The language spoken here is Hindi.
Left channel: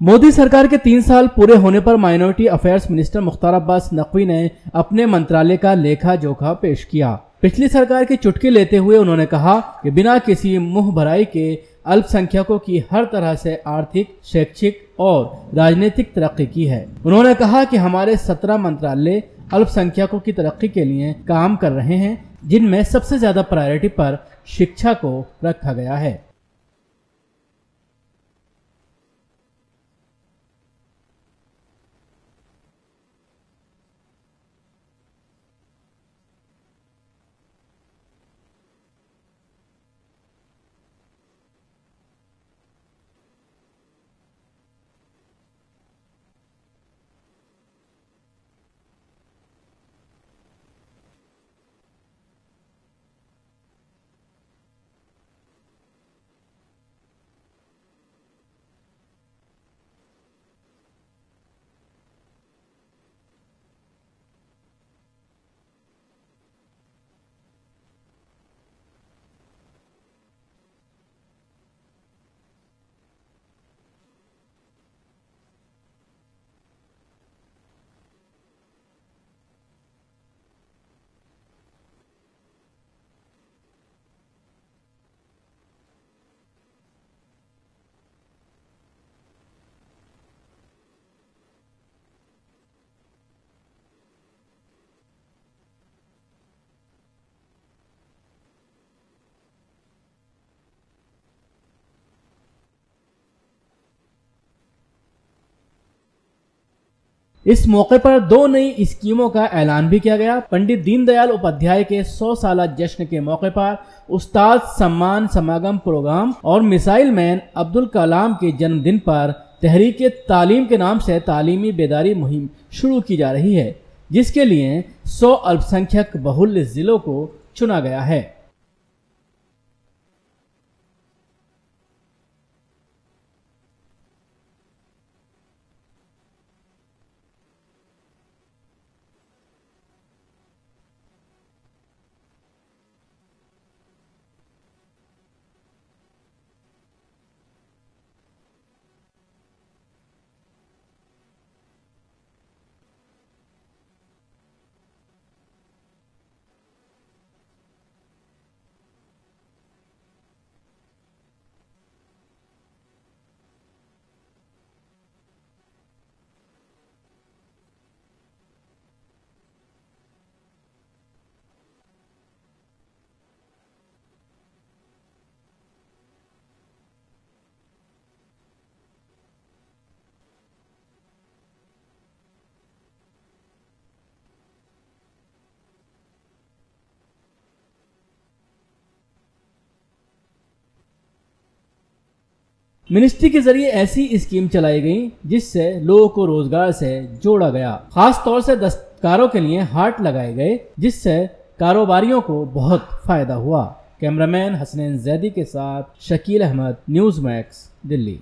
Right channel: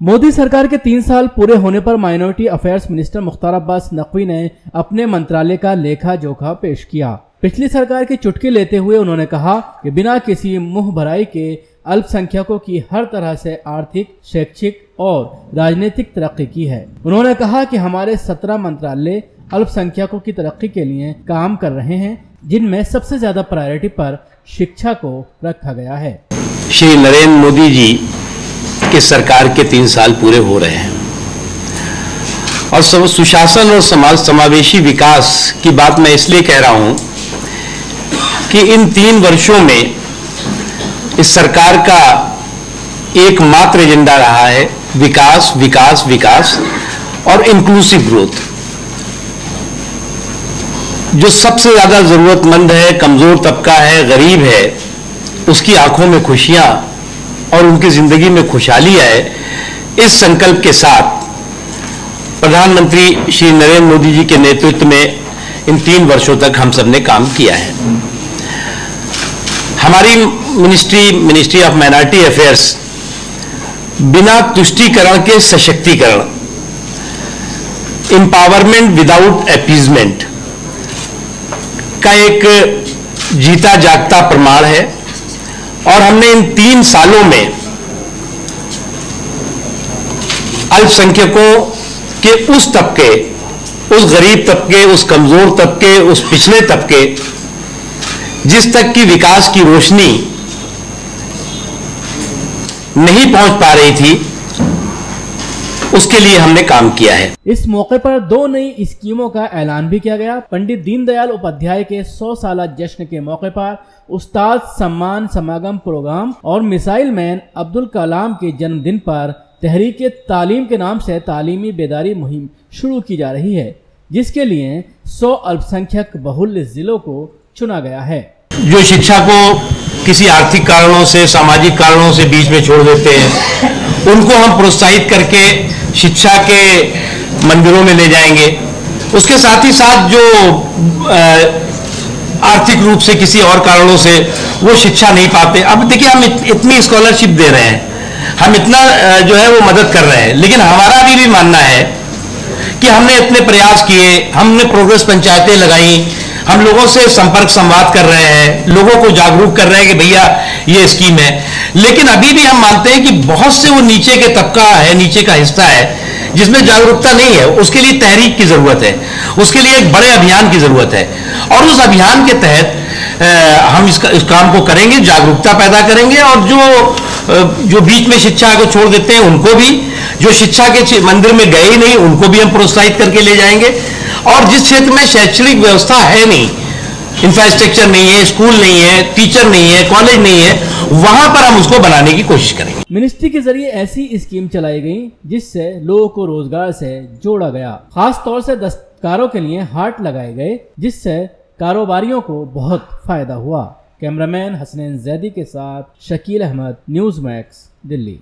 मोदी सरकार के 3 साल पूरे होने पर minority affairs minister Mukhtar Abbas Naqvi ने अपने मंत्रालय का लेखा जोखा पेश किया। पिछली सरकार की चुटकी लेते हुए उन्होंने कहा कि बिना किसी मुंह भराई के अल्पसंख्यकों की हर तरह से आर्थिक, शैक्षिक और राजनीतिक तरक्की की है। उन्होंने कहा कि हमारे 17 मंत्रालय अल्पसंख्यकों की तरक्की के लिए काम कर रहे हैं, जिनमें सबसे ज्यादा प्रायोरिटी पर शिक्षा को रखा गया है। श्री नरेंद्र मोदी जी की सरकार के 3 साल पूरे हो रहे हैं और सुशासन और समाज समावेशी विकास की बात मैं इसलिए कह रहा हूं कि इन 3 वर्षों में इस सरकार का एकमात्र एजेंडा रहा है विकास, विकास, विकास और इंक्लूसिव ग्रोथ। जो सबसे ज्यादा जरूरतमंद है, कमजोर तबका है, गरीब है, उसकी आंखों में खुशियां और उनकी जिंदगी में खुशहाली आए, इस संकल्प के साथ प्रधानमंत्री श्री नरेंद्र मोदी जी के नेतृत्व में इन 3 वर्षों तक हम सब ने काम किया है। हमारी मिनिस्ट्री ऑफ माइनॉरिटी अफेयर्स बिना तुष्टीकरण के सशक्तिकरण, एम्पावरमेंट विदाउट अपीजमेंट का एक जीता जागता प्रमाण है और हमने इन 3 सालों में अल्पसंख्यकों के उस तबके, उस गरीब तबके, उस कमजोर तबके, उस पिछड़े तबके जिस तक की विकास की रोशनी नहीं पहुंच पा रही थी, उसके लिए हमने काम किया है। इस मौके पर 2 नई स्कीमों का ऐलान भी किया गया। पंडित दीनदयाल उपाध्याय के 100 साल जश्न के मौके पर उस्ताद सम्मान समागम प्रोग्राम और मिसाइल मैन अब्दुल कलाम के जन्मदिन पर तहरीक तालीम के नाम से तालीमी बेदारी मुहिम शुरू की जा रही है, जिसके लिए 100 अल्पसंख्यक बहुल्य जिलों को चुना गया है। जो शिक्षा को किसी आर्थिक कारणों से, सामाजिक कारणों से बीच में छोड़ देते हैं, उनको हम प्रोत्साहित करके शिक्षा के मंदिरों में ले जाएंगे। उसके साथ ही साथ जो आर्थिक रूप से किसी और कारणों से वो शिक्षा नहीं पाते, अब देखिए हम इतनी स्कॉलरशिप दे रहे हैं, हम इतना जो है वो मदद कर रहे हैं, लेकिन हमारा भी मानना है कि हमने इतने प्रयास किए, हमने प्रोग्रेस पंचायतें लगाई, हम लोगों से संपर्क संवाद कर रहे हैं, लोगों को जागरूक कर रहे हैं कि भैया ये स्कीम है, लेकिन अभी भी हम मानते हैं कि बहुत से वो नीचे के तबका है, नीचे का हिस्सा है जिसमें जागरूकता नहीं है। उसके लिए तहरीक की जरूरत है, उसके लिए एक बड़े अभियान की जरूरत है और उस अभियान के तहत हम इस काम को करेंगे, जागरूकता पैदा करेंगे और जो बीच में शिक्षा को छोड़ देते हैं उनको भी, जो शिक्षा के मंदिर में गए ही नहीं उनको भी हम प्रोत्साहित करके ले जाएंगे और जिस क्षेत्र में शैक्षणिक व्यवस्था है नहीं, इंफ्रास्ट्रक्चर नहीं है, स्कूल नहीं है, टीचर नहीं है, कॉलेज नहीं है, वहां पर हम उसको बनाने की कोशिश करेंगे। मिनिस्ट्री के जरिए ऐसी स्कीम चलाई गई जिससे लोगों को रोजगार से जोड़ा गया। खास तौर से दस्तकारों के लिए हाट लगाए गए, जिससे कारोबारियों को बहुत फायदा हुआ। कैमरामैन हसनैन जैदी के साथ शकील अहमद, न्यूज़ मैक्स, दिल्ली।